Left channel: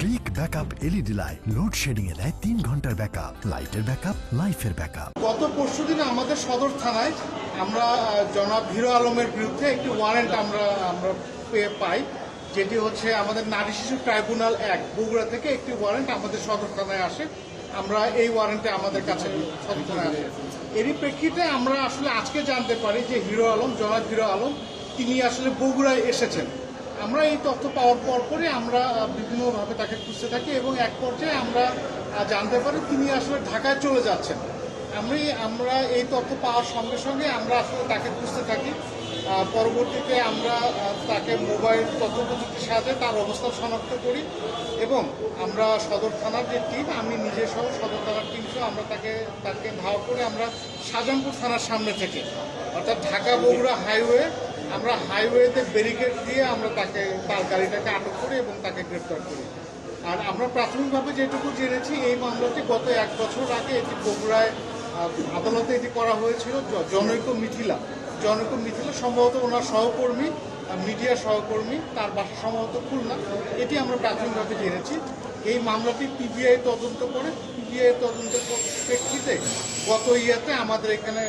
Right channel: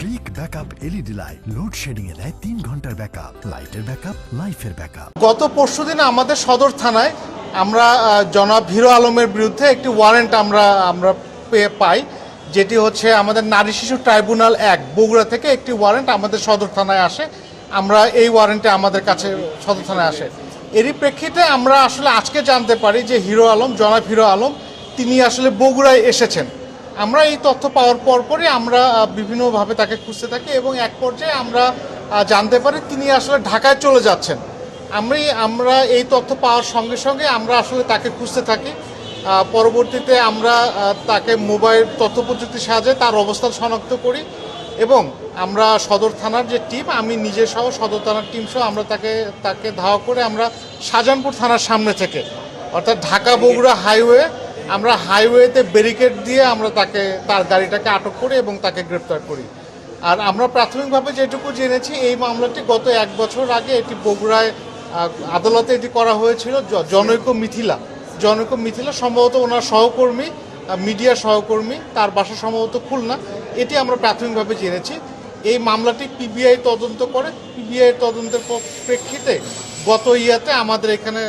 Click backup LED light load shedding এ দেয় 3 ঘন্টার ব্যাকআপ, লাইটের ব্যাকআপ, লাইফের ব্যাকআপ। গত পরশুদিন আমাদের সদর থানায় আমরা জনাব হিরো আলমের বিরুদ্ধে একটি ওয়ারেন্ট আমরা পাই, যেটি হচ্ছে আমাদের নারী শিশু ট্রাইব্যুনাল 1 বগুড়া থেকে একটি ওয়ারেন্ট আমাদের সদর থানায় আসে। আমরা এই ওয়ারেন্টে আমাদের কাছে সদর থানায় আসে। এরই প্রেক্ষিতে আমরা আসলে আজকে জানতে পারি যে হিরো আলম, জনাব হিরো আলম তিনি আসলে বগুড়ায় এসেছেন। আমরা এই তথ্য পাওয়ার পরপরই আমরা বিভিন্নভাবে তাকে খুঁজতে থাকি এবং এক পর্যায়ে আমরা জানতে পারি তিনি আসলে ঢাকায় চলে যাচ্ছেন। আমরা এই তথ্য পাওয়ার সঙ্গে সঙ্গে আমরা আসলে তাকে খুঁজতে থাকি। পরবর্তীতে আমরা তাকে মোবাইল তথ্য প্রযুক্তির সাহায্যে তার অবস্থান শনাক্ত করি এবং আমরা সদর থানার যে টিম, আমি নিজে সহ সদর থানার টিম সহ আমরা তাকে ধাওয়া করে আমরা শাহজাহানপুর থানার সামনে থেকে, অর্থাৎ ঢাকা বগুড়া হাইওয়ে, আমরা হাইওয়েতে ব্যারিকেড দিয়ে আমরা তার গাড়িটাকে আটক করি এবং তাকে গ্রেপ্তার করি। আর আমরা প্রাথমিকভাবে যেটুকু জেনেছি এই মামলাটি গত 1 বছর আগে এটি বগুড়ায় আদালতে এটি করা হয়েছিল। জনৈক মিথিলা সম্ভবত ওনার সহকর্মী, মিডিয়া সহকর্মী, তার বাসা সম্ভবত খুলনা, এটি আমরা প্রাথমিকভাবে জেনেছি। এই মামলাটি পিবিআই তদন্ত করে। পিবিআই তদন্তের প্রেক্ষিতে গত ইয়াতে আমাদের এখানে